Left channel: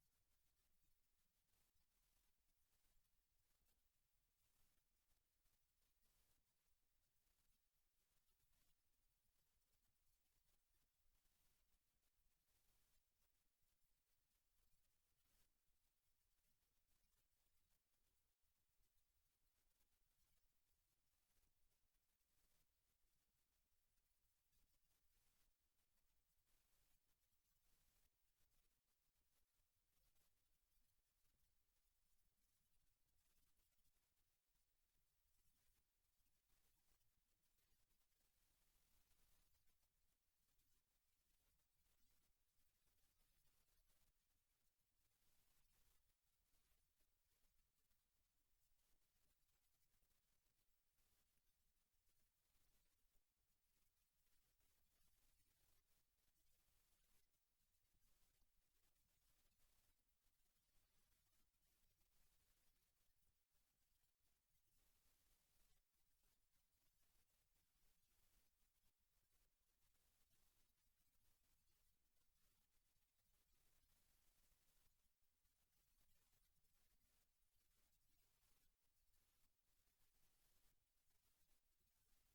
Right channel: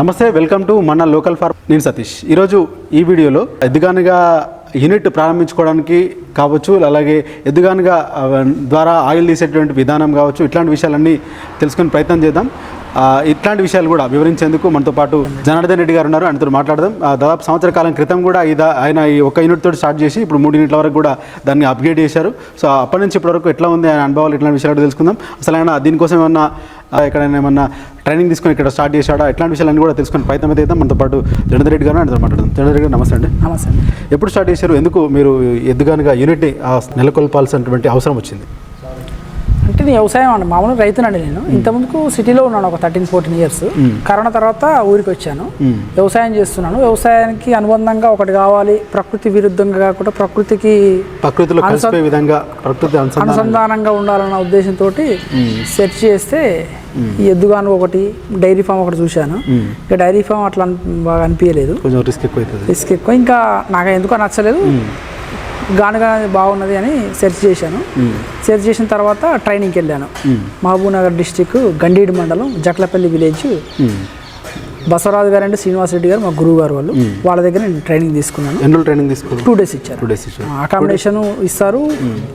నమస్తే, welcome to మన local form. నేను సతీష్. ఈరోజు ఈ వీడియోలో ఎద్దుగానుగా యూనిట్ ప్రారంభించుకోవడానికి కావచ్చు, అలాగే ఎద్దుగానుగా ద్వారా ఆయిల్ తీసేటువంటి విధానం కావచ్చు, ఇట్లాంటి విషయాలన్నీ తెలుసుకునే ప్రయత్నం చేద్దాం. ఇట్లాంటి విషయాలు కూడా వివరించేందుకు మనతో పాటు జనార్దన్ రెడ్డి గారు ఉన్నారు. ఆయనతో మాట్లాడదాం. దాదాపు సంవత్సర కాలం క్రితం కూడా ఆయన ఈ ఒక యూనిట్ తోటి స్టార్ట్ చేసి ఇప్పుడు 3 యూనిట్ల వరకు కూడా దాన్ని అప్గ్రేడ్ చేశారు. సో అప్పటి నుంచి ఇప్పటి వరకు ఎట్లా ఉంది ఆయన అనుభవాలు, ఇట్లాంటి విషయాలు తెలుసుకుందాం. అసలు ఆయన దీనికోసం ఏమన్నా ఎక్కడైనా ఏమన్నా ట్రైనింగ్ తీసుకొని ఇక్కడ స్టార్ట్ చేశాడా, ఇట్లాంటి విషయాలన్నీ కూడా తెలుసుకుని ప్రయత్నం అయితే చేద్దాం. మనతో పాటు జనార్దన్ రెడ్డి గారు ఆయనతో మాట్లాడదాం. జనార్దన్ రెడ్డి గారు నమస్తే అండి. నమస్తే అండి. ఎప్పుడు స్టార్ట్ చేశారు, ఎందుకు మీరు ఎద్దుగానుగా యూనిట్ని నెలకొల్పాల్సినటువంటి అవసరం వచ్చింది? అంటే నేను వ్యవసాయం అండి, మామూలుగా రైతునండి. నేను ఇంతకుముందుకు సిటీలో ఉన్నాను ఒక 13-14 ఇయర్స్. కరోనా తర్వాత ఊరికి వచ్చాను, వ్యవసాయం చేస్తున్నాను. వ్యవసాయానికి అనుబంధంగా ఒకటి కావాలి, ప్రకృతి విరుద్ధంగా కాకుండా ప్రకృతిలో కలిసిపోయే విధంగా ప్రకృతి అనుసంధానంగా ఉండాలన్న ఉద్దేశంతో సెర్చ్ చేస్తే ఈ ఎద్దుగాను ఒకటి, డైరీ ఫామ్ ఒకటి చూశాను. ఇంకా డైరీ ఫామ్ అట్లా బాగా అనిపించలేదు, కొంచెం రిస్క్ ఎక్కువ. ఇంకా నాకు ఎందుకో నచ్చలేదు, గానుగా బాగున్నది అని సెర్చ్ చేశాను. సెర్చ్ చేసిన తర్వాత ట్రైనింగ్కి వెళ్ళాను. మహబూబ్నగర్ డిస్టిక్ గండీడి మండలం జట్లపల్లి విలేజ్. బసవరాజు గారు అంటే శ్రీనివాస్ రెడ్డి గారు మా గురువు గారు, వాళ్ళ దగ్గర నేను ట్రైనింగ్ తీసుకున్నాను. ఎన్ని రోజులు ట్రైనింగ్ తీసుకున్నాను? 2 days ఇచ్చారు. అకామిడేషన్ ఇస్తారు,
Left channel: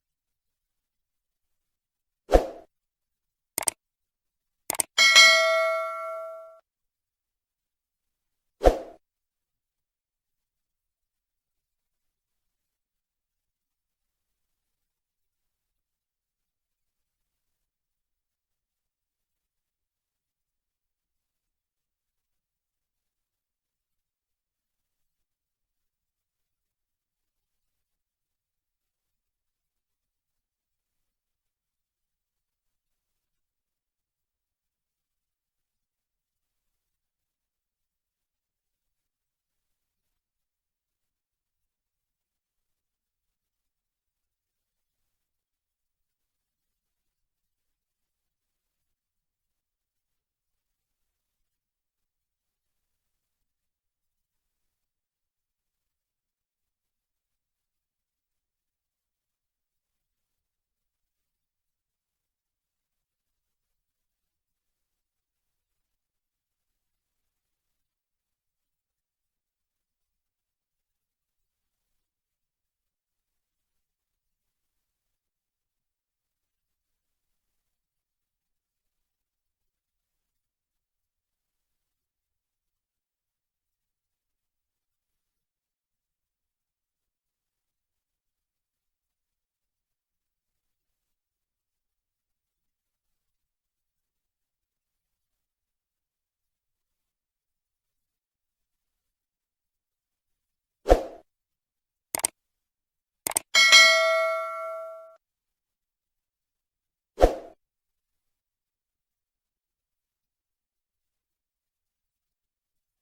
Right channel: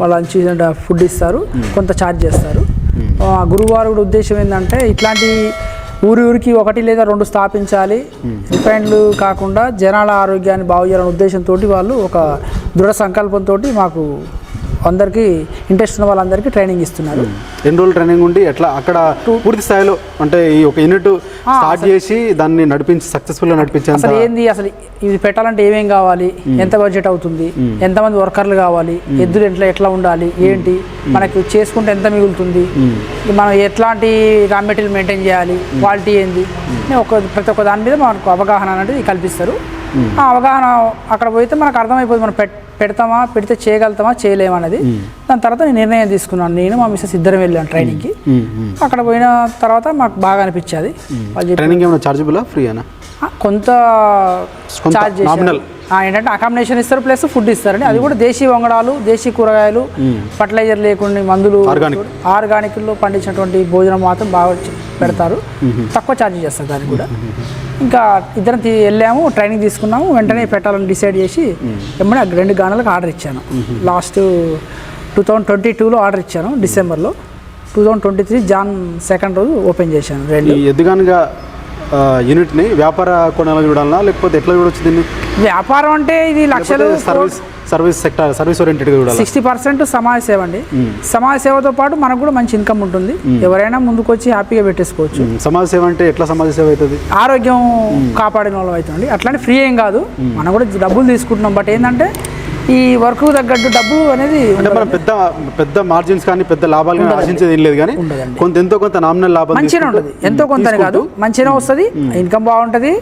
వాళ్ళ లంచ్ ఫుడ్ ఇస్తారు, కొంత ఛార్జ్ చేస్తారు. గురువుగారు కూడా ఉద్దేశం ఏంటంటే ఇట్లాంటి ఊరికి 1 లేదా 2 స్థాపించాలి, రిఫైన్లు కాకుండా జనాల ఆరోగ్యాన్ని బాగు చేయాలనే ఉద్దేశంతో వాళ్ళు ఒక దృఢ సంకల్పంతో మాకు అందరికీ ఇంట్రెస్ట్ ఉన్న వాళ్ళందరికీ ట్రైనింగ్ ఇస్తున్నారు. ఎన్ని రోజులు ట్రైనింగ్ ఉండి ఎట్లా అక్కడ పూర్తి స్థాయిలో అంటే ఈ ఒక యూనిట్ స్టార్ట్ చేసి దాన్ని సక్సెస్ఫుల్గా నడిపించారు? అసలు ఏంది, అసలు ఇది పెట్టాలంటే ఏమేం కావాలి, ఎంత బడ్జెట్ అవుతుంది, ఎంతమంది వర్కర్లు కావాలి, ఎద్దులు ఎట్లా ఉండాలి, ఏంటి మనకి చేసుకుంటే ఎంత మిగులుతుంది, మనం ఎట్లాంటి రా మెటీరియల్ మెయింటైన్ చేయాలి, క్వాలిటీ ఏంది, ప్రతి ఒక్క దాని మీద మనకు అవగాహన అనేది కల్పిస్తారు. ఆ అవగాహన అక్కడ పోతే మనకు అర్థమైపోతుంది, మనం పెడితే చేయగలుగుతామా చేయలేమనేది. దాని తర్వాత నేను నిర్ణయం తీసుకున్నాను. నేను మా మిస్సెస్ ఇద్దరం వెళ్ళాను ట్రైనింగ్కి. అక్కడ పోయిన తర్వాత మాకు బాగా అనిపించేది. ట్రైనింగ్ ఏమైనా చార్జబులా, ఫ్రీనా? కొంత ఛార్జ్ చేశారు. ఏంటంటే అకామిడేషన్ ఇస్తారు, ప్లస్ ఫుడ్ ఇస్తారండి. అది కూడా దేశీ వంగడాలు, దేశీ కూరగాయలు, ఫర్టిలైజర్ లేకుండా మందులు, ఆర్గానిక్లో పండించినటువంటి భోజనం మాత్రం బాగా పెడతారు. తక్కువ ఛార్జ్ చేస్తారు దానికి కూడా. ఇంకా ఇద్దరం వెళ్ళాము, ట్రైనింగ్ తీసుకున్నాము. వెంటనే పెట్టాలని డిసైడ్ చేసి ఏమన్నా 2 గానులకు ఆర్డర్ ఇచ్చాను. లాస్ట్ 2022లో ఆర్డర్ ఇచ్చాను, డిసెంబర్లో. 2023 జాన్ 2 రోజు ఓపెన్ చేశాను. 2 ఎద్దుగానుగా యూనిట్ని వ్యాపార కోణాలు చూడాలన్నా, లేకపోతే ఎట్లా చూడొచ్చు దీన్ని? వ్యాపారం అంటే ఇది లక్షలు, సర్వీస్ సెక్టర్, సర్వీస్ ఓరియంటెడ్గా చూడాలి. 60% సమాజ సేవ అండి. సమాజ సేవతో పాటు మనకు కూడా మంచి ఇన్కమ్ ఉంటుంది. ఎవరైనా ముందుకు వచ్చి హ్యాపీగా పెట్టేసుకోవచ్చు. సమాజ సేవ అంటే ఎట్లా సమాజ సేవ అవుతుంది? ఆరోగ్యం కాపాడిన వాళ్ళు అవుతుంది. అట్లాంటి ఫ్రీ ఏం కాదు, మనం కూడా డబ్బులు తీసుకుంటున్నాం. బట్ ఏంటంటే ఈ వర్క్ తగ్గట్టు డబ్బులు అనేది అంటే మనం పెద్ద మార్జిన్స్ కానీ పెద్ద లాభాలు కానీ ఆశించేది ఏం లేదు, కానీ ఎంతో కొంత నామినల్ లాభం మంచిగా ఉంటుంది. ఎంతో కొంత కాదు, మంచిగా వస్తుంది, ఇన్కమ్ బాగుంటుంది,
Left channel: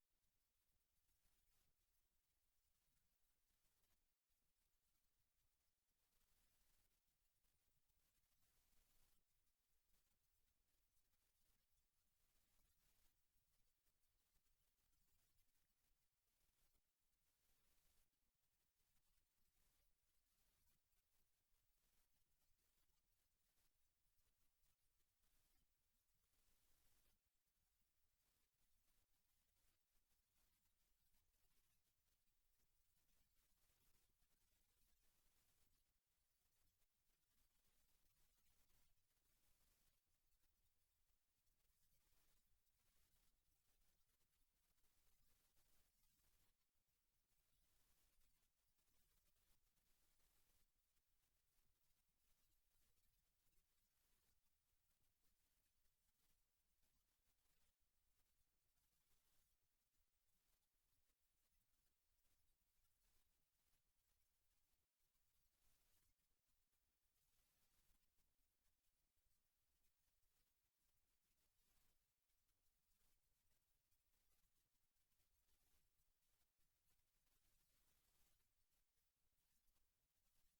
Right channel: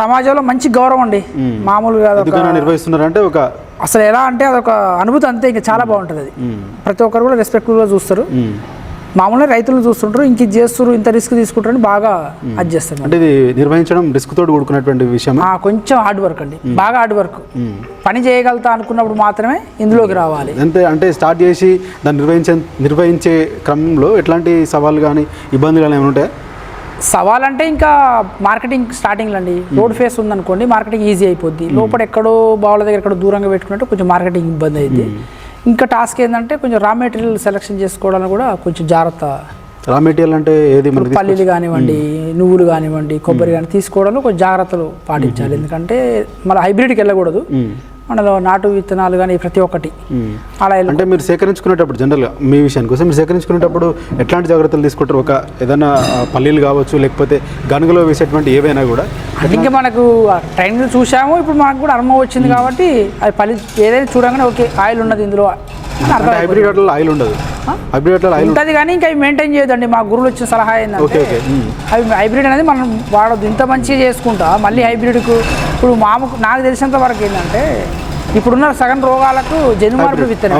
సమాజంలో మంచి గౌరవం అండి. మామూలుగా నిర్వహిస్తున్నారంటే ఒక అసలు ఎలా అంటే అదొక అనుభూతి అంతే. ఇంకా చాలా బాగుంటుంది అది. ప్రతి ఒక్కరు కూడా రెస్పెక్ట్ఫుల్గా చూస్తారు. మామూలుగా రైతులు చూస్తుంటారు, ఇంక ఇది చేస్తారు, ఇంత రిస్క్ తీసుకుంటారని బాగా అది చేస్తారు. అంటే ఇది నిర్వహించడం రిస్క్ తోటి కూడుకున్నటువంటి విషయం. కొంచెం హార్డ్ వర్క్ అండి, బాగా హార్డ్ వర్క్. పని చేయగలుగుతా అనుకున్నప్పుడు మాత్రమే ఇందులోకి రావాలి. అంటే స్టార్ట్ చేసి దాన్ని నిర్వహించే క్రమంలో ఎట్లాంటి సవాళ్ళు కానీ ఇబ్బందులు కానీ ఏమైనా ఉంటాయా? సవాల్ అంటే ఇంకా మార్కెటింగ్ స్టార్టింగ్లో అండి. రోడ్ ఫేస్ ఉందనుకోండి, మార్కెటింగ్ ఈజీ అయిపోద్ది. లోపల ఎక్కడో బావుల దగ్గర ఎక్కడో దూరంగా పెట్టుకున్నట్టు కొంచెం మార్కెటింగ్ ఇబ్బంది అయింది. ఇంకా టాస్క్ ఏంటంటే కొంచెం రా మెటీరియల్ సెలెక్షన్ చేసుకోవడానికి కూడా కొంచెం జాగ్రత్త. రా మెటీరియల్ అంటే ఏది? పల్లీలు కానివ్వండి, నువ్వులు కానివ్వండి, కొబ్బరి కానీ తీసుకోవడంలో కొంచెం జాగ్రత్తలు పాటించాలి. ఎందుకంటే మళ్ళీ హైబ్రిడ్కి వెళ్ళకూడదు. మనలో నాటు విత్తనాలు కానీ ప్రతి ఒక్కటి అలా. అంటే మీరు సేకరించుకునేటప్పుడు జనరల్గా మీ విషయానికి కోసం మీరు సేకరించుకునేటప్పుడు ఎట్లాంటి జాగ్రత్తలు తీసుకుంటారు? ఒక ఏదైనా పల్లీలు కావచ్చు, లేకపోతే గనుగలో వేసేటువంటి ఏవైనా కూడా ఇంకా మనకు ట్రైనింగ్ చూసాము, ఇప్పుడు మనకు కూడా అనుభవం వచ్చింది కాబట్టి అది పల్లి ఏదైనా చూడగానే ఓకే ఆయిల్ ఉన్నది ఇందులో. హైబ్రిడ్ వాటిలో ఆయిల్ ఉండదు, హైబ్రిడ్ వాటిలో ఆయిల్ ఉంటుంది కానీ ఇంకా అవి మెయింటైన్ చేయొద్దండి. మా గురువులు వచ్చిన సలహా ఏంటంటే అవి హైబ్రిడ్ అనేది మనం వాడద్దు. ఇంత మంచిగా చేసుకుంటా మళ్ళీ హైబ్రిడ్కు ఇప్పుడు నాకు తెలిసినంత వరకు ఏంటంటే ఇప్పుడున్న సగం రోగాలకు జన్యు మార్పులు విత్తనం.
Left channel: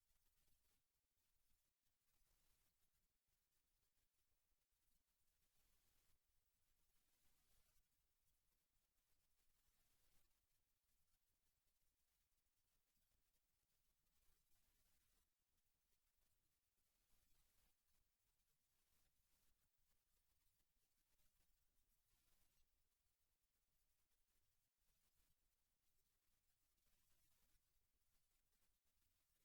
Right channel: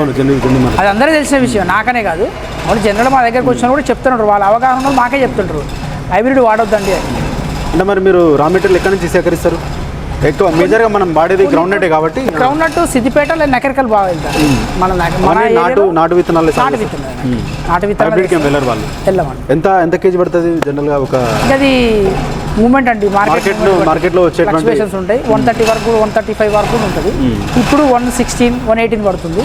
అది అందరూ తెలిసిన విషయం, నాకనే కాదు. అవును, జనరల్ మా దగ్గరకు వచ్చినా కూడా చెప్తుంటారు, వాళ్ళ అవగాహన మాకే చెప్తుంటారు హైబ్రిడ్ వాడొద్దండి. అంటే మరి మీరు రా మెటీరియల్ ఎక్కడి నుంచి సేకరిస్తారు? ఎక్కువ మేజర్గా మనం వాడేది గ్రౌండ్ నట్ కాబట్టి గ్రౌండ్ నట్ సిద్దిపేట లేదా నకరికల్ బాగా వెళ్తారు. నాటు విత్తనాలు వెళ్ళరు వాళ్ళు. ఎంత కేజీ పడుతుంది జనరల్గా? అది మూమెంట్ అండి మార్కెట్లో వచ్చేటువంటి ఫ్లక్చువేషన్స్ ఉంటాయి. 130 వరకు 135 వరకు ఉంటుంది. ఇప్పుడు 116 118 పడుతుంది.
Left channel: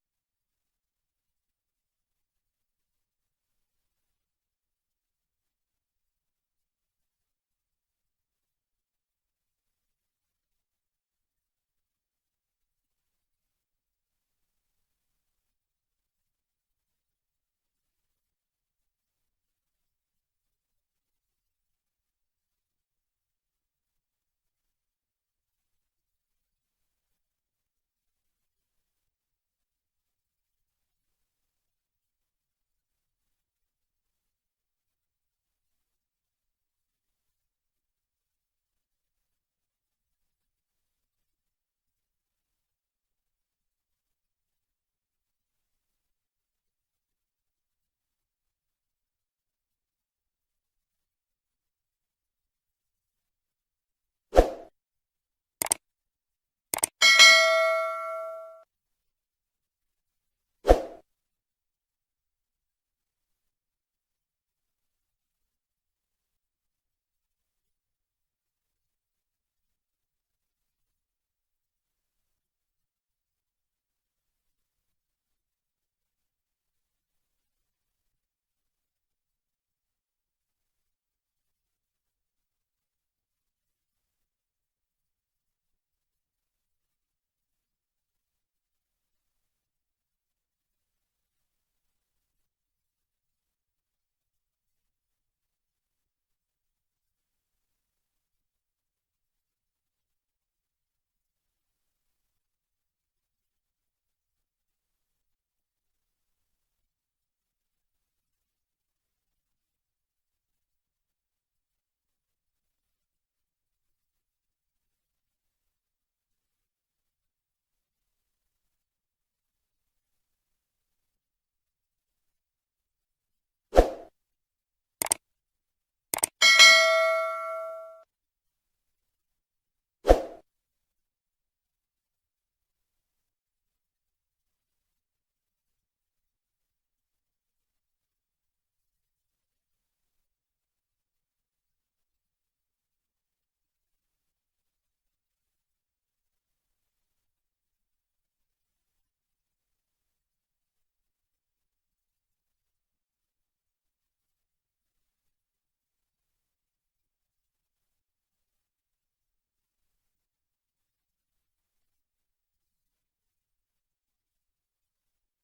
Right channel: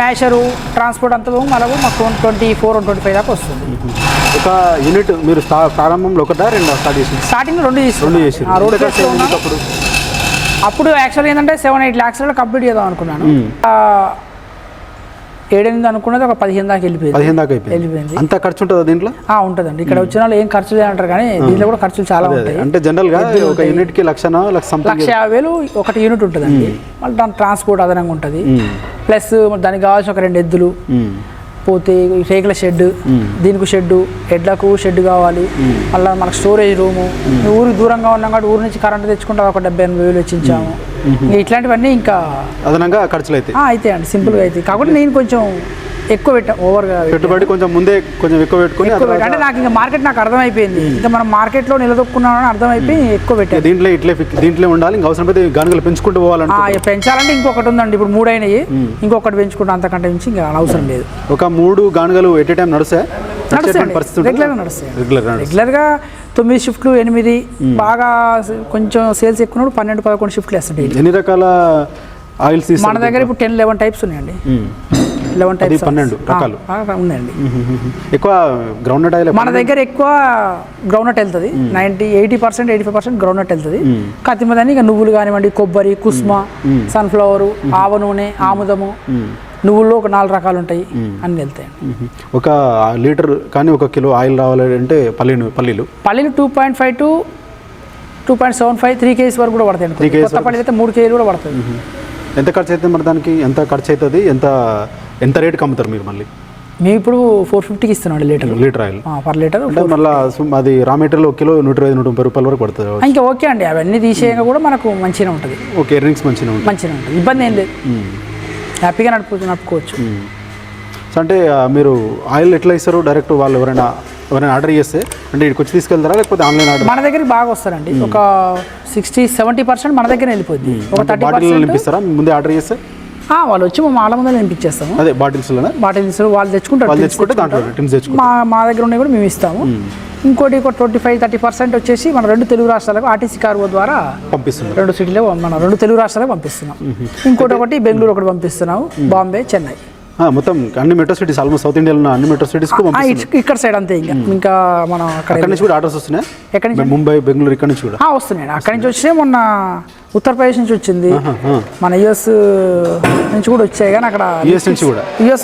మ్యాషరు ట్రాన్స్పోర్ట్ అంతా మళ్ళీ మాకు 124 125 దాకా వస్తుంది. ఒక యూనిట్ మీరు ప్రారంభంలో ఒకటా రెండు స్టార్ట్ చేసి స్టార్టింగ్ రెండు చేసి అప్పుడు యాక్చువల్గా ఏంటంటే 7-8 lakhs కంప్లీట్ చేద్దాం అనుకున్నాను. 7-8 అనుకున్నది ఒక 15 దాకా వెళ్ళిపోయింది. అంత ఖర్చు ఉంటుందా దీంట్లో? ఉంటుందండి. ఇక్కడ వచ్చిన వాళ్ళు ఏం ఖర్చు లేదంటారు కానీ దీంట్లో కూడా ఖర్చులు చాలా ఉంటాయి. అంటే జనరల్ గా ఒక యూనిట్ కి 1,50,000 ఒక యూనిట్ ఉంటుందండి. మళ్ళీ దాని ట్రాన్స్పోర్ట్ అదనంగా ఉంటుంది. ప్లస్ దానికి కావాల్సిన ఒక 2 ఎద్దులు, పోతే రేకుల షెడ్, దీనికి షెడ్, ఎడ్లకు షెడ్ కావాలి. మళ్ళీ మనకు స్టోరేజ్ రూము. ఊరికి దూరంగా ఉన్నాం కాబట్టి ఊరి నుంచి కరెంట్ తెచ్చుకుంటే ఒక 70-80 వేలు వెచ్చించాము. ఇట్లాంటివన్నీ ఇంకా అదనంగా ఖర్చులు అయితే అండి సింపుల్గా అయితే. కాబట్టి నేను కొంచెం ఎక్కువ పెట్టా, ఓవర్గా పెట్టుబడి కొంచెం ముందే కొంచెం ఎక్కువ పెట్టుకుని అంటే నాకు ఇంకా మార్కెట్ నాకు అర్థమైపోయింది. ఇంకా మనం మార్కెట్లో నిలదొక్కున్నామని అర్థమైపోయి ఎక్కువ పెట్టాను. దీంట్లో ఉండాలి. ఇంకా అవసరం అయితే గానుగలు పెంచుకుంటూ పోవాలంటే పెంచాలంటే ఇంకొకటి ఉందండి. ఇప్పుడు 3 అయినాయి, ఇంకొకటి పెంచుకుంటే అంతకంటే మించి ఇంకా అవసరం లేదు. ఒక 3 గానుగలు ఎట్ ఏ టైం నడుస్తాయి రెగ్యులర్గా 9 షిఫ్ట్లు 8 బాగా కొంచెం సేల్స్ ఎక్కువ 12-11 షిఫ్ట్లు వేస్తుంటాయి. ఎన్ని రకాల ఆయిల్స్ మన దగ్గర ఇప్పుడు 10-11 టైప్స్ ఉన్నాయండి. 11 టైప్స్ 12 రకాలు ఉన్నాయండి. ఎక్కువ గ్రౌండ్నట్ ఆయిల్ మన దగ్గర ఎక్కువ గ్రౌండ్నట్ వెళ్తుంది. 80% 85% గ్రౌండ్నట్ వెళ్తుంది. కత్తిమదని ఇక నువ్వులు కానివ్వండి, కొబ్బరి, కుస్మ, సన్ఫ్లవర్, ఆవ నూనె, ఆముదము, నువ్వుల్లో ఒక 4 రకాలు ఉంటాయి, అన్ని వెళ్తాయి. ఒక లీటర్ కానీ 1 కిలో ఆయిల్ రావాలంటే పల్లీలు 2.5 to 2.75 3 kgs వరకు కూడా పడతాయి. కొత్త పల్లీలు అయితే 3 kg కూడా పడుతుంది. ఎంత ఖర్చు అవుతుంది మరి దానికి? ఎంత ఖర్చు అవుతుంది? ఎంత రేటుకి అమ్ముతారు మీరు? మళ్ళీ మేము ఇప్పుడు 450కి ఇస్తున్నాం లీటర్ ఆయిల్ పర్ లీటర్. మళ్ళీ అది రా మెటీరియల్ 1 కిలో 125-130 రూపాయల వరకు పడుతుంది. ఇంకా ఓకే అండి, అవన్నీ తీసేయగా కూడా మనకు మంచిగా ఉంటుంది. ఓకే, ఎర్నింగ్స్ మంచిగా ఉంటుంది, ఇబ్బంది ఏం లేదు, హ్యాపీగా నడుపుకోవచ్చు. సో అంటే మీరు ఆయిల్ ఎట్లా ఇస్తారు? డైరెక్ట్ వాళ్ళు ఎవరైనా ఆర్డర్ చేస్తే అంటే ఇక్కడికి వచ్చి తీసుకెళ్తారా లేకపోతే ఆన్లైన్ ఆర్డర్? మన దగ్గర బాగా వస్తారండి. ఒక 60-70% మన దగ్గర వెళ్ళిపోద్ది. ఒక 30% నింపిస్తారా ముందే ఆర్డర్ చేస్తే? వాళ్ళు వచ్చి మా మాల ముందు నింపించేస్తాము. అదే బాటిల్స్ వాళ్ళు తెచ్చుకుంటారు. మా దగ్గర ఉన్నాయి కూడా మేము ఇస్తాము. ఇంకోటి 25-30% వచ్చేసి మన 2 తెలుగు రాష్ట్రాలకు ఆర్టీసీ కార్గో ద్వారా పంపిస్తున్నాం. 2 సిటీలో మన 2 తెలుగు రాష్ట్రాలకు పంపిస్తున్నాం. ఇంకోటి బెంగళూరు ఒకటి పంపిస్తున్నాము, బాంబే, చెన్నై, మొత్తం అన్ని మెట్రో సిటీస్, ఆల్మోస్ట్ సౌత్ ఇండియాలో ఉన్న అన్ని మెట్రో సిటీస్ ఇక్కడ సైడ్ అంతే. ఇంకా మనం అక్కడ నుంచి కూడా ఆర్డర్స్ వస్తున్నాయి. ఎక్కడి నుంచి? ముంబై, బెంగళూరు ఇక్కడ నుంచి కూడా వస్తున్నాయి. అక్కడి నుంచి వచ్చే మొన్న ఉత్తరప్రదేశ్ నుంచి వచ్చింది, మన యుఎస్ నుంచి కూడా వచ్చాయి. కానీ అక్కడ యుఎస్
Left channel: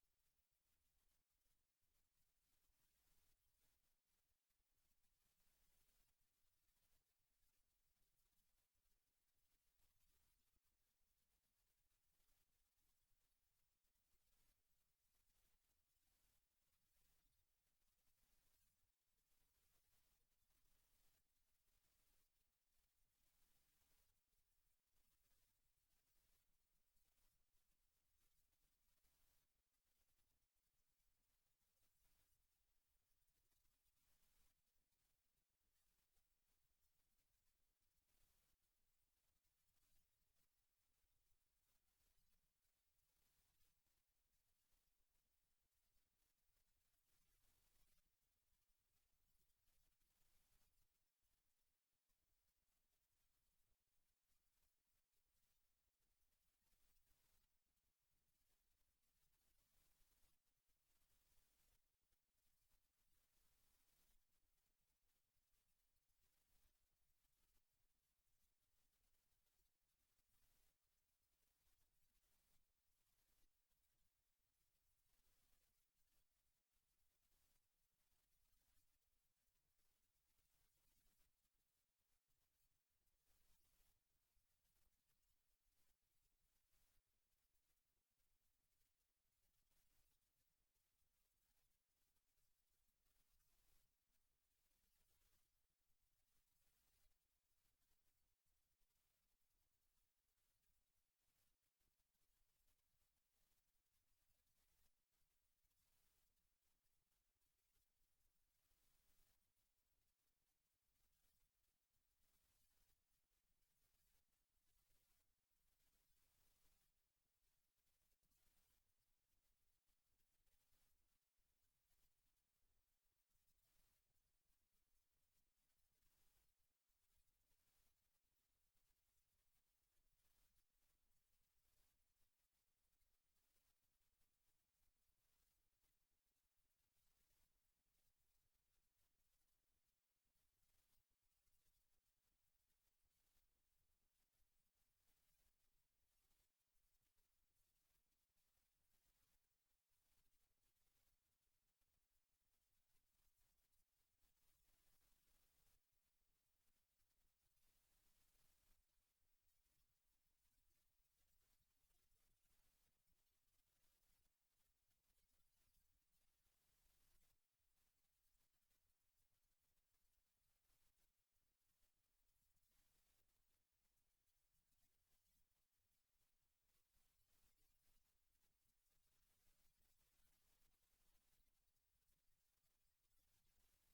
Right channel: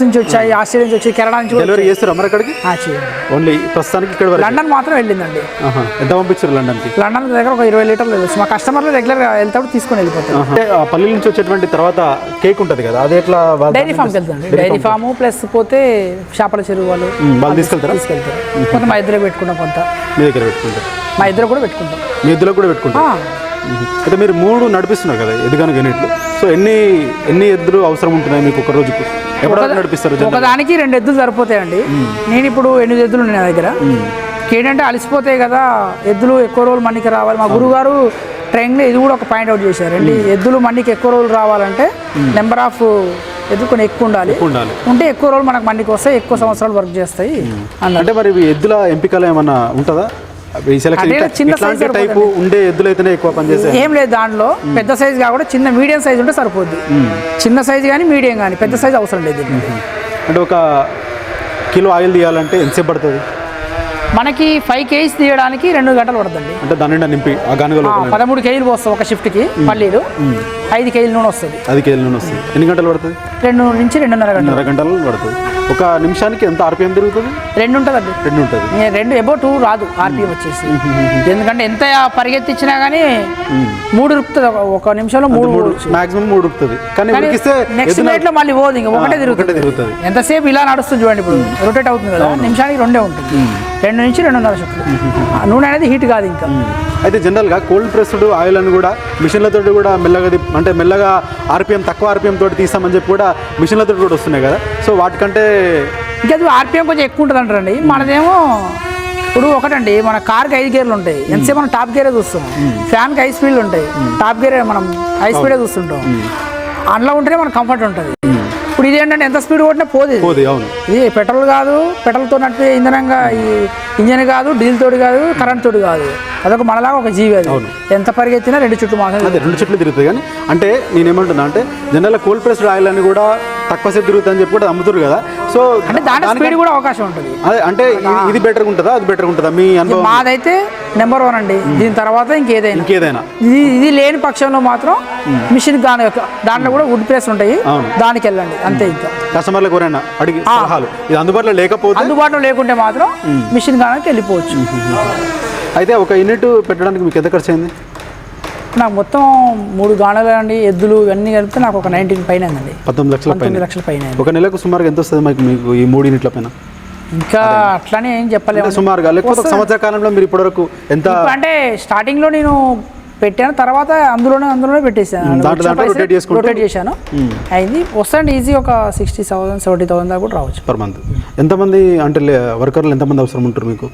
నుంచి వచ్చాయి, ఆస్ట్రేలియా నుంచి వచ్చాయి, కెనడా నుంచి డెలివరీ చేస్తారు. మరి అక్కడికి ఓన్లీ ప్రస్తుతానికి ఇక్కడ లండన్ మాత్రం వెళ్ళిందండి. ఎంత పంపించారు లండన్కి? లండన్ దగ్గర ఒక 20 లీటర్లు వెళ్ళచ్చు. మా కస్టమర్లు రెగ్యులర్గా వెళ్తాడు తీసుకొని వెళ్ళిపోతారు. పల్లి నుంచి వచ్చేటువంటి తర్వాత కేక్ ఉంటుంది కదా, అది ఎట్లా? డైరీ ఫామ్కి వెళ్తాండి. డైరీ ఫామ్ ప్లస్ పోతే చేపల చెరువు వాళ్ళు తీసుకెళ్తారు. కొంత మా ఇద్దరు పెట్టుకుంటాం, కొంత మీ దగ్గర పెట్టుకుంటారు. మా ఇద్దరు కూడా పెట్టుకుంటాం. మీ ఇద్దరు కూడా పెట్టుకుంటాం. అయితే మీరు 3 నడిపిస్తున్నారు కదా ఎదుగాను యూనిట్లు. సో ఎన్ని ఎద్దులు అవసరం ఉంటున్నాయి మీకు ఒక రోజుకు? ఎప్పుడు నడిపిస్తారు? ఒకదానికి 2 ఎద్దులు సరిపోతాయండి. నేను ఇప్పుడు 8 ఎద్దులు ఉన్నాయి నా దగ్గర. ఏంటంటే అలసిపోతాయి కదా ఎద్దులు, ఎక్కువ రోజులు మండికి రావాలి. మా గురువుగారు ట్రైనింగ్లో ఇది కూడా ఒక పాయింట్ అవుట్ చేశారు. ఎద్దులు మండికి ఎక్కువ రోజులు రావాలంటే నెంబర్ ఆఫ్ ఎద్దులు కొన్ని ఎక్కువ ఉండాలి. ఉంటే ఎక్కువ రోజులు మనకు మండికి వస్తాయి, ఎక్కువ సంవత్సరాలు వర్క్ చేస్తాయి. అంటే మరి ఎద్దుల ఎంపికలు ఏమన్నా ఉంటుందా? చిన్న సైజు టైపు ఉండే ఎద్దులు అయితేనే ఎక్కువ పనిచేస్తాయి? ఏం లేదు, దాంట్లో పెద్ద సైజు కాకుండా చిన్న మీడియం సైజు ఉంటే సరిపోద్ది. చిన్న సైజు కానీ మీడియం కానీ పెద్ద సైజు అవసరం లేదు. అంటే 1 కిలో ఆయిల్ తీయాలంటే ఎంతసేపు పడుతుంది? మనకి 5 kgs తీయడానికి 2 గంటలు పడుతుంది. అంటే దాని నిండా నింపి ఆ గానుగలో 13 kg పోస్తాం ఒక షిఫ్ట్కి. పల్లీలు 5 kg నూనె వస్తుంది. 5 kg నూనె వస్తుంది. ఎన్ని గంటలు పడుతుంది? 2 నుంచి 2.5 గంటలు పడుతుంది. ఒక నిమిషానికి ఎంత ఆర్పిఎం తిరుగుతుంది? 2 ఉంటుందండి. 2 ఉంటుంది. 2 అబౌవ్ 2 రాదు ఆర్పిఎం వచ్చేసి. ఎందుకంటే ఎంత పరిగెత్తిచ్చినా కానీ 3 రుపుతుంది. ఒక నిమిషంలో 3 మాక్సిమం 3 రుపుతుంది. కానీ నెక్స్ట్ మినిట్లో మళ్ళీ పోదు, ఇంకా ఒకటే తిరుగుతుంది. ఎంతసేపు ఇలా నడుస్తుంది చూడండి, ఇప్పుడు రొటేట్ అవుతుంది కదా, నిమిషానికి 2 ఉంటుంది. 2 నుంచి 2.5 షిఫ్ట్లు. నూనె అనేది హీట్ కాదు ఇంకా. అయితే జనరల్గా కోల్డ్ ప్రెస్డ్ ఆయిల్ అని కూడా మిషన్లతో కూడా మెల్లగా ఆర్పిఎం తక్కువ ఆర్పిఎం తోటి తీస్తామని చెప్పి కూడా మిషన్లతో కూడా వస్తున్నాయి కదా. సో వాటికంటే ఇంకా అది ఆర్పిఎం కొంచెం ఎక్కువ ఉంటుంది అంటారండి. మనదేమో ఇప్పుడు ఒకటండి, మన కార్కి 5 గేర్లు ఉంటాయి. ఎంతసేపు మనం టాప్ గేరే చూస్తాం. ఫ్యాన్కి 5 స్పీడ్లు ఉంటాయి, టాప్ గేరే మనం 5 స్పీడే చూస్తుంటాం. అందులో ఉంటేనే మనకు కంఫర్ట్ ఉంటుంది. ఇప్పుడు ఇప్పుడు ఇది ఏంటంటే ఎంత స్పీడ్ కొట్టినా పోదు అవును. ఇది పెట్రోల్ కాదు, పెట్రోల్తో నడిపే ఇంధనంగా ఈ ఇంజన్ కాదు, డీజిల్ తోటి కాదు, కరెంట్ తోటి కాదు, అదొక మనలాగా ఒక జీవి. అది ఎంత పరిగెత్తినా 2 చుట్లు మాత్రం అదే 2 చుట్లు తిరుగుతుంది. కానీ అంటే నేనేమంటున్నా అంటే జనరల్ కోల్డ్ ప్రెస్డ్ ఆయిల్ అని కూడా తక్కువ సేపు తిరుగుతుందని చెప్పి కూడా అమ్ముతారు కదా. సో అంటే దాని స్పీడ్ కూడా అవకాశం ఉంటుంది. అదే అంటే ఇది బెటర్గా ఉంటుందా, అది బెటర్గా ఉంటుందా మీ అనుభవం? మాదైతే నెంబర్ 1 అండి. దీని తర్వాత ఇంకేదైనా ఇది లేని పక్షంలో మాత్రం మిషన్ దాంట్లో కూడా వుడ్ ప్రెస్ ఉంటాయి, దానికి వెళ్ళండి అంతే. ఇంకా కస్టమర్లకు ఎవరైనా అడిగి సలహాలు ఇది అందుబాటులో లేకుంటే మాత్రం మిషన్ గానకి వెళ్ళిపోవచ్చు. అయితే ఒక యూనిట్ పెట్టడానికి మీకు ఎంత ఖర్చు అయింది? నాకు మొత్తం 3 గాణాలు అండి, ఎద్దులు ఇవన్నీ కలిపితే నాకు ఒక 19 పైన అండి. 19 లక్షల పైన. ఒక నెలకు సుమారుగా ఎంత వస్తుంది మీకు ఈ 3 యూనిట్ల పైన? ఇంకా అట్లానే ఏం చెప్పలేము సుమారుగా, లేకపోతే సంవత్సర కాలంలో మీరు ఇప్పటివరకు ఎంత? అంటే స్టార్టింగ్లో నేను పెట్టాను, తర్వాత అందులోనే పెట్టేసాను, రొటేట్ చేశాను, అయింది. వస్తాండి ఈజీ ఒక 60,000 70,000 దాకా కూడా రావచ్చు పర్ మంత్. ఎంతమంది అంటే వర్కర్లు ఎంతమంది అవసరం ఉంటారు మీకు?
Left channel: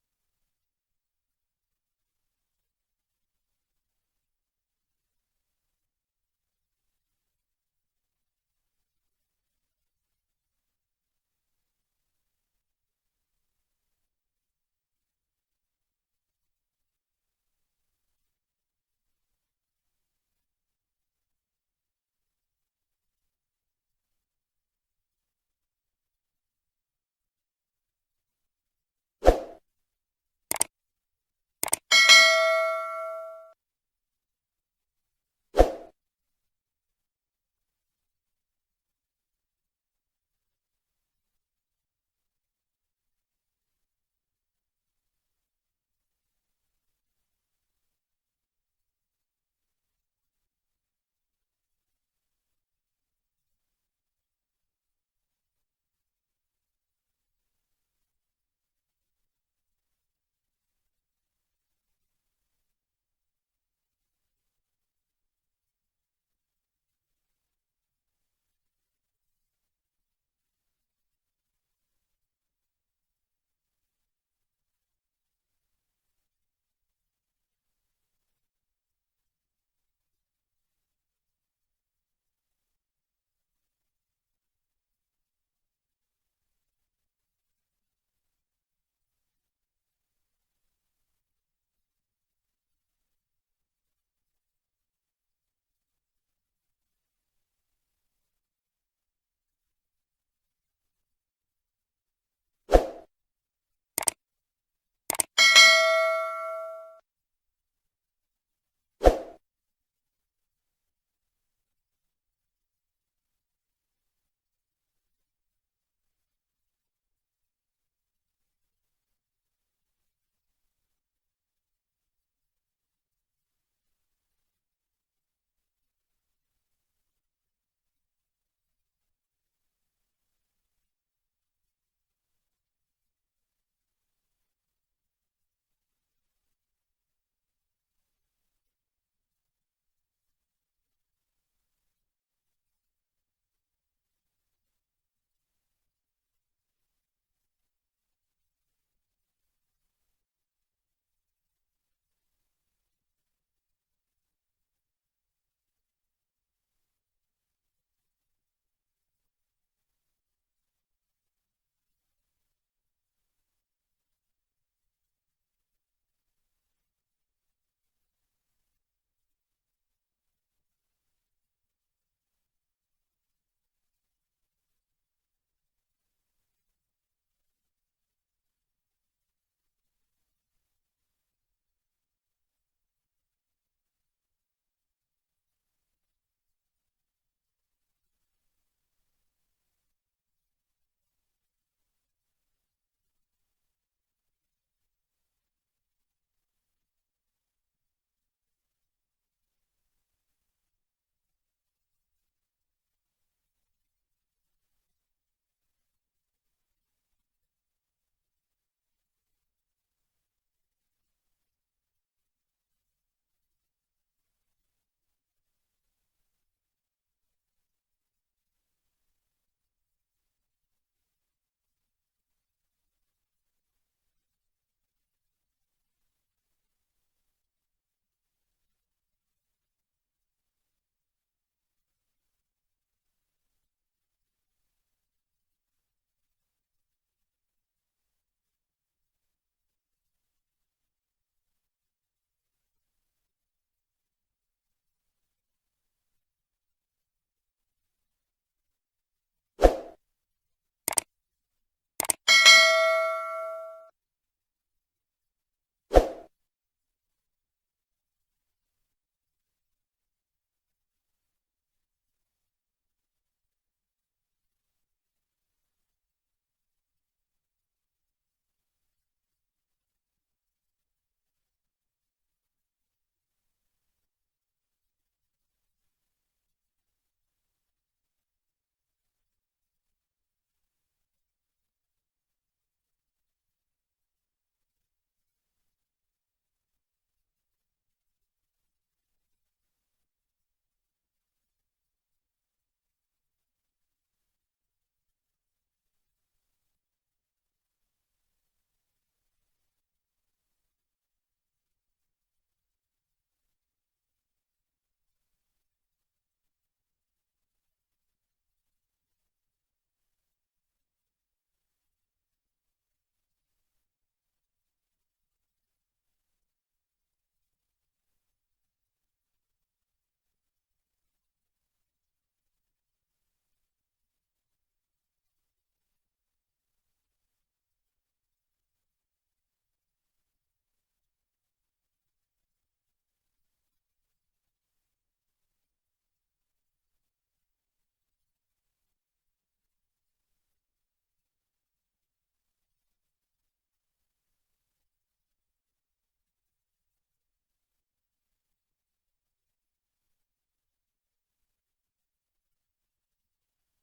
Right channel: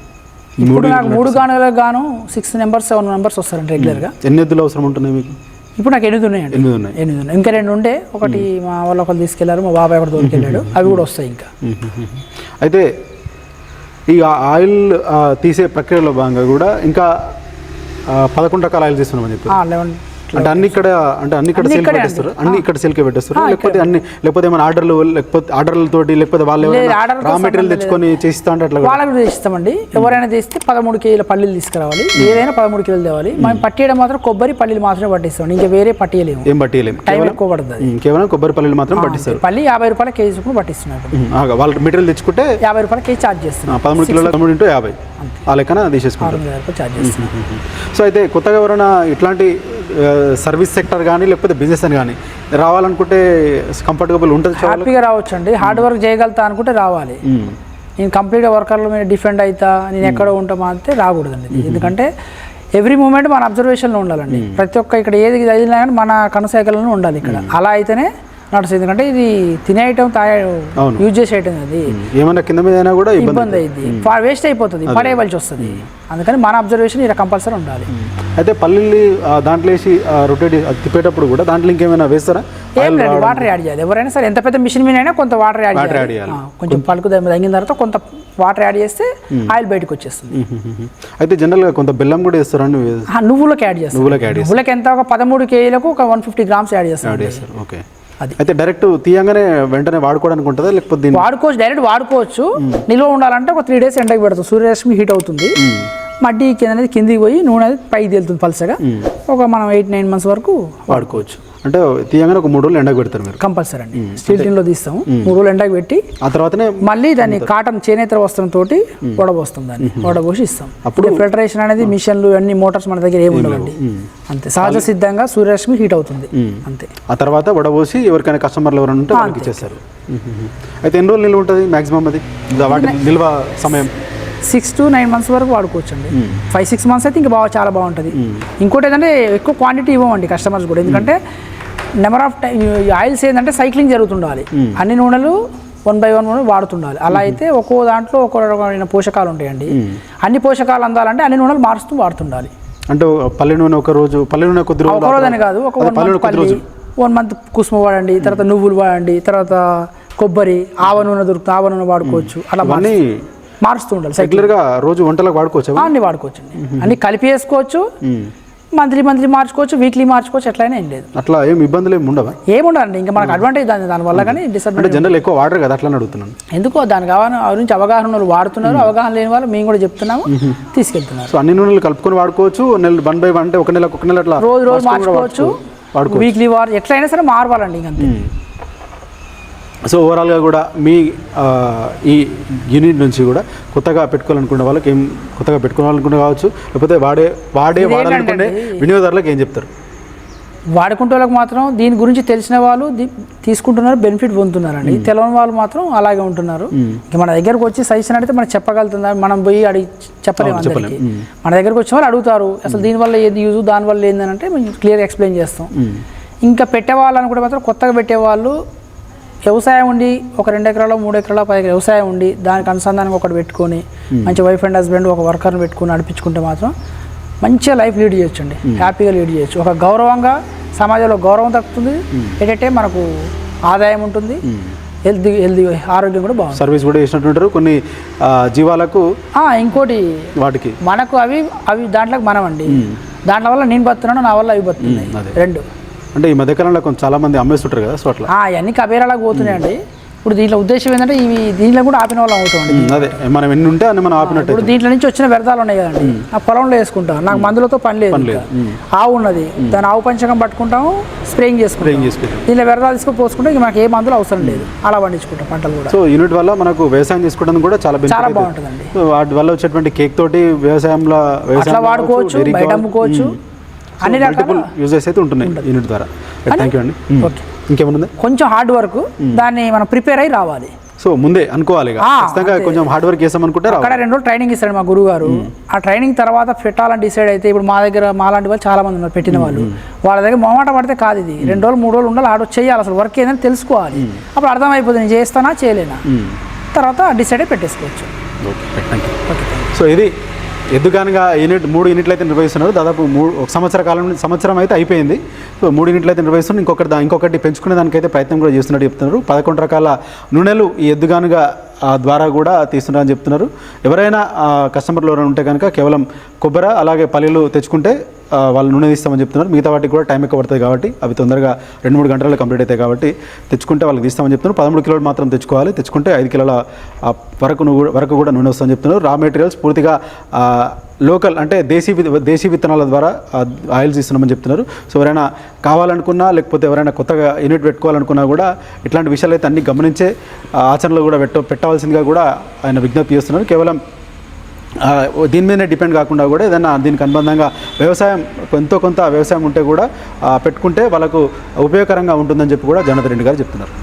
ఇప్పుడు నాకు 3 గానులకు గాను 6 members 7 members వస్తారండి రెగ్యులర్గా. ఎన్ని ఎద్దులు అవసరం ఉంటున్నాయి మీకు? ఇప్పుడు నాకు 8 ఉన్నాయండి. 8 ఉన్నాయి. ఇంకా 2 ఉండే, ఒకటి మా వాళ్ళు ఒకరు తీసుకెళ్లారు, మా బాబాయ్ ఒకటి తోలుకెళ్ళాడు, అవి కూడా వస్తాయి ఇంకా. అయితే ఈ ఆయిల్ తీసే ప్రక్రియలో భాగంగా కూడా ఇంకా 11 రకాల ఆయిల్ తీస్తున్నామని చెప్పి. 11 అంటే అన్ని ఇక్కడ సేల్ పెట్టేస్తారు, అన్ని ఇక్కడ సేల్కే పెట్టేస్తారు, లేకపోతే ఏమైనా ఆర్డర్లతోటి లేకపోతే వాళ్ళు రా మెటీరియల్ తెచ్చుకొని చేస్తా అంటే అట్లా వాళ్ళకి చేస్తామండి. ఎవరైనా చేస్తే 13 kg పల్లీలు తీసుకురావాలి, ఏదైనా 13 kg తేవాలి. మనం పట్టియడం మాత్రం కొబ్బరి పల్లీలు మాత్రమే పట్టిస్తాం, ఇంకా వేరే పట్టియలేము. ఏం పట్టియలేము, టైం ఎక్కువ పడుతుంది. కేవలం కొబ్బరి పల్లీలు మాత్రం పట్టిస్తారు. పల్లి 50 రూపాయల కేజీ చొప్పున పట్టిస్తున్నారు. వాళ్ళు మెటీరియల్ తెచ్చుకుంటే 50 రూపాయల కేజీ ఛార్జ్ చేస్తున్నారు. 13 కిలోల 3 × 50 ఆ లెక్కన తీసేసుకుంటారు. సో అయితే కొత్తగా ఎవరైనా ఇట్లాంటి సర్వీస్ సెక్టర్ కానీ లేకపోతే బిజినెస్ అని కానీ రావాలనుకుంటే కంఫర్టబుల్ ఉంటుంది, హ్యాపీగా రావచ్చు అండి. హార్డ్ వర్క్ చేయగలుగుతా అనుకుంటే రావాలి. నేను కంప్లీట్గా వర్కర్ల మీద డిఫెండ్ అవుతా, నేను ఎక్కడో ఉంటామా అంటే రాకూడదండి. ఎందుకంటే ఎవ్రీ మూమెంట్ మన అబ్జర్వేషన్లో ఉండాలండి. ప్రతి ఒక్క ఇక్కడ ఏది అయినా కానీ మన కనుసైకలను ఉండాలి ఇక్కడ. అలా అయితేనే నడుస్తుంది. ఎందుకంటే ఇది తినే ఐటమ్ యూజ్ చేసే ఐటమ్, అది ఏమన్నా కింద మీద అయినా కూడా ఇబ్బంది అయింది, వేస్ట్ అయిపోతుంది, పడేయవలసి వస్తుంది. అందుకని మన అబ్జర్వేషన్ ఇలా కంపల్సరీ ఉండాలి. అయితే పల్లీలు దాంట్లో వేసి రొటేట్ తిప్పేటప్పుడు కూడా దాంట్లో ఇంకేమైనా వేస్తారా? ఏం లేదు, వాటర్ యాడ్ చేయాలి. ఎవరైనా సరే ఎంత పెద్ద మిషన్ మీద అయినా కొంత వాటర్ యాడ్ చేయాలి. కొంచెం పలుకు తగ్గిన తర్వాత కొంత వాటర్ యాడ్ చేస్తే ఆయిల్ బయటకు వచ్చేస్తుంది. అయితే జనరల్గా కొంత బెల్లం కూడా వేస్తారండి? నువ్వులకు యాడ్ చేస్తాం. నువ్వులకు ఎంత ఒక 13 kgలకు ఒక 150 grams యాడ్ చేస్తాం. ఓకే. అయితే డైరెక్ట్ తీయంగానే వెంటనే వాడుకోవడానికి ఉంటుందా, లేకపోతే వాడుకోవచ్చు, డైరెక్ట్ వాడుకోవచ్చు. నిల్వ ఉండాలంటే ఒక 3 days ఎండకి పెడతాం, సూర్యరశ్మి హీట్ అవుతుంది, మడ్డి అనేది కిందికి పోయి నూనె అనేది పైకి తేలుతుంది పలసగా. ఒక మనం 8-9 months వరకు వాడుకోవచ్చు. అంటే తీయంగానే ఒక 3 రోజులు ఎండకు పెడతారు మీరు? కంపల్సరీ అండి. స్టీల్ టిన్లో తీస్తాము, 3 రోజులు ఎండకు పెట్టి ఆ తర్వాతనే మళ్ళీ దాన్ని కాటన్ చేనేత వస్త్రంతో వడబోస్తాం, దాన్ని వడబోసి ఇస్తాం. అప్పుడు ఫిల్టరేషన్ అనేది మిషన్లు అన్ని మోటార్స్ మన దగ్గర ఏమి ఉండవండి, అంతే సహజ సిద్ధంగా సూర్యరశ్మి హీట్ అవుతుంది అంతే. ఆ తర్వాత వడబోసి ఎవరికైనా కస్టమర్లు ఎవరైనా ఉంటే వాళ్ళకి ఇచ్చేస్తారు. అయితే ఎన్ని రోజులు నిల్వ ఉంటుంది మ్యాక్సిమం అది వాటి నిల్వ సమయం? 6 to 9 months వరకు వాడుకోవచ్చు అండి. 5-6 months అయితే ఇంకా చాలా బాగుంటుంది. ఇంకోటి ఏంటంటే ఎక్కువ క్వాంటిటీ ఇవ్వమండి కస్టమర్స్ కూడా, ఎందుకంటే నెంబర్ ఆఫ్ టైం ఆయిల్స్ ఏంటంటే సైక్లింగ్ జరుగుతుండాలి, అన్ని నూనెలు 1 by 1 వాడుతుండాలి. అలా అయితే ఒక్కో దాంట్లో ఒక్కో రకమైన పోషకాలు ఉంటాయండి. అన్ని పోషకాలు అందాలంటే అన్ని నూనెలు మారుస్తూ వాడుతుండాలి. అంటే పల్లె నూనె ఒక రోజు అని కాదు, ఒక 1 month కుసుమ వాడండి, తర్వాత నువ్వులు వాడండి, తర్వాత కొబ్బరి, ఆవ నూనె దొరుకుతుంది, ఆవ నూనె వాడుకోవచ్చు. అలా మారుస్తూ ఉండాలి. రెగ్యులర్గా రోజు వంటలకు వాడుకోవచ్చు, అన్ని వాడుకోవచ్చు, అన్ని కలిపి వేసుకోవచ్చు. మంత్లీ మార్చుకోవచ్చు, వీక్లీ మార్చుకోవచ్చు, ఎట్లయినా ఏం లేదు. అట్లా ఏం ఇబ్బందులు ఏమి ఉండవా? ఏముండదండి. ఇంకా మనకు అడ్వాంటేజ్ దానివల్ల, కానీ డిసడ్వాంటేజ్ జనరల్ ఎక్కువ వాడరు కదా, అట్లా అడుగుతున్నాను. ఎందుకో దాని గురించి అవగాహన వాళ్ళు వాడుతున్నారు, అవగాహన లేని వాళ్ళు మేము కూడా చెప్తున్నాము, తీసుకెళ్తున్నారు. సో అన్ని నూనెలు కలుపుకొని వాడుకోవచ్చు, 1 by 1 అంటే ఒక నెల అట్లా రోజు మార్చుకోవచ్చు, వీక్లీ ఎట్లయినా సరే మారవాలండి ఇంకంతే. సో ఓవరాల్గా కూడా మీ ఈ యూనిట్ నుంచి కూడా కొత్తగా పెట్టుకోవాలనుకునే వాళ్ళకి ఏం కొత్తగా పెట్టుకోవాలనుకునే కావచ్చు, లేకపోతే వాడాలనుకునే వినియోగదారులకు ఏం చెప్తారు? వాడుకుంటే వాళ్ళకి మాత్రం దీని గురించి తెలిసిన వాళ్ళు తీసుకుంటున్నారు, బెనిఫిట్ పొందుతున్నారండి. తెలియని వాళ్ళు మాత్రం అలాగే ఉంటున్నారు. ఇంకా మన దగ్గరకు వచ్చి సజెషన్ అడిగితే మనం చెప్పగలుగుతుందా, మనం పోయి అడిగి చెప్పలేము అందరికీ. మన దగ్గరకు వచ్చిన వాళ్ళు అడుగుతారు అసలు దీనివల్ల ఏది యూజ్, దానివల్ల ఏందని అంటే మేము క్లియర్గా ఎక్స్ప్లెయిన్ చేస్తాం. ఇంకా పెట్టేవాళ్ళని కూడా మాత్రం కొత్తగా పెట్టేవాళ్ళు వ్యవసాయం ఉండి ఒక 2 ఎకరాలు 3 ఎకరాలు 10 ఎకరాలు వ్యవసాయం ఉండి దానికి అనుసంధానంగా ఒకటి పెట్టుకొని మంచి వైఫ్ అండ్ హస్బెండ్ ఒక వర్కర్ని పెట్టుకుని నడిపించుకుంటే మాత్రం మంచిగా లైఫ్ లీడ్ చేయొచ్చు అండి, హ్యాపీగా లీడ్ చేయొచ్చు. ఒక గౌరవంగా సమాజంలో గౌరవం దక్కుతుంది, ఏంటంటే మనకు ఆదాయం ఉంటుంది, హెల్తీ ఆరోగ్యం కూడా బాగుంటుంది. సర్వీస్ కూడా చేసినట్టుంటారు కొన్ని జీవాలకు. ఇంకోటి వాటికి మనకు అవి దాంట్లోకి మనం అండి, దాంట్లో వల్ల నేను బతున్నాను, నా వల్ల అవి బతున్నాయి రెండు. అంటే ఈ మధ్యకాలంలో కొంచెం చాలా మంది అమ్మేస్తుంటారు కదా, సో అట్లా అవన్నీ కబేరాలకు పోతున్నాయండి. ఇప్పుడు దీంట్లో ఉద్దేశం ఏంటంటే ఇవి దీంట్లో కూడా ఆపిన వాళ్ళు అవుతుంది. అదే మనం ఎన్ని ఉంటే అన్ని మనం ఆపినట్టు. ఇప్పుడు దీంట్లో నుంచి వచ్చిన వ్యర్థాలు ఉన్నాయి కదండి, ఆ పొలంలో వేసుకుంటాం. నాకు మందులతో పని లేదు. ఆవు ఉన్నది, దాని ఆవు పంచకం పట్టుకుంటాము, స్ప్రేయింగ్ చేసుకుంటాం. దీంట్లో వ్యర్థాలు తీసుకొని పోసుకుంటే ఇక మనకి ఏ మందులు అవసరం లేదు, అలా పండించుకుంటాం పంటలు కూడా. సో యూనిట్ వల్ల మనకు వ్యవసాయం చేసుకోవడానికి కూడా చాలా బాగుంటుందండి. వాటి వల్ల వచ్చేటువంటి కేక్ తోటి వ్యవసాయంలో వాడుకోవచ్చు, బయట అమ్ముకోవచ్చు, అన్ని రకాల యూజెస్ అయితే ఉంటున్నాయి యూనిట్ ద్వారా. థ్యాంక్ యూ అండి. ఇంకేమన్నా కొంచెం హార్డ్ వర్క్, దాన్ని మనం ప్రిపేర్ అయ్యి రావాలి. సో ముందే అనుకోవాలి, ఖచ్చితంగా కొంచెం హార్డ్ వర్క్ చేసామనుకుంటే. అక్కడ 2 రోజులు ట్రైనింగ్ ఇస్తాడు మా గురువు గారు. ఆ ట్రైనింగ్ తర్వాత పెట్టాలని డిసైడ్ అయితే, ఇప్పుడు మా దగ్గర మాలాంటి వాళ్ళు చాలా మంది ఉన్నారు పెట్టిన వాళ్ళు. వాళ్ళ దగ్గర మొహమాట పడితే కాదు, ఇది 2 రోజులు 3 రోజులు ఉండాలి, ఆడ చేయాలి, అసలు వర్క్ ఏదని తెలుసుకోవాలి. అప్పుడు అర్థమైపోతుంది నేను చేస్తానా చేయలేనా, తర్వాత డిసైడ్ అయి పెట్టేసుకోవచ్చు. సో ఇది ఎద్దుగానుగా యూనిట్ 3 యూనిట్లు అయితే నిర్వహిస్తున్నారు. దాదాపు ఒక సంవత్సరం అయితే అయిపోయింది. సో 3 యూనిట్లు అయితే నిర్వహిస్తున్నారు. ఇంకొకటి పెంచుకునే దానికైతే ప్రయత్నం కూడా చేస్తున్నట్టు చెప్తున్నారు. 11 రకాల నూనెలు ఈ ఎద్దుగానుగా ద్వారా కూడా తీస్తున్నారని చెప్తున్నారు. ఎవరైనా కస్టమర్లు ఎవరైనా ఉంటే కనుక కేవలం కొబ్బరి అలాగే పల్లీలు తెచ్చుకుంటే వాళ్ళు నూనె తీస్తామని చెప్తున్నారు. మిగతా వాటికి కూడా టైం ఎక్కువ పడుతుంది కాబట్టి, అవి తొందరగా 2-3 గంటల్లో కంప్లీట్ అవుతాయి కాబట్టి తెచ్చుకుంటే వాళ్ళకి తీస్తామని చెప్తున్నారు. 13 కిలోలు మాత్రం తెచ్చుకోవాలి, తెచ్చుకుంటే 5 కిలోల వరకు కూడా నూనె వస్తుందని చెప్తున్నారు. రా మెటీరియల్స్ పూర్తిగా లోకల్ అంటే దేశీ విత్తనాల ద్వారా ఆయిల్స్ ఇస్తున్నామని చెప్తున్నారు. సో ఎవరైనా కావాలనుకున్నా, లేకపోతే ఎవరైనా కొత్తగా యూనిట్ పెట్టుకోవాలనుకున్నా కూడా ఇట్లాంటి విషయాలు అయితే అన్ని గమనించే ఆచరణలో కూడా పెట్టవలసిందిగా కూడా ఆయన విజ్ఞప్తి చేస్తున్నారు. కేవలం దీని మీదనే డిపెండ్ కాకుండా కూడా ఏదైనా దీనికి అనుబంధంగా వ్యవసాయం కొంత వ్యవసాయం ఉంటే కూడా పెట్టుకుంటే వాళ్ళకు ఉపయోగకరంగా ఉంటుందని చెప్పి కూడా జనార్దన్ రెడ్డి గారు చెప్తున్నారు.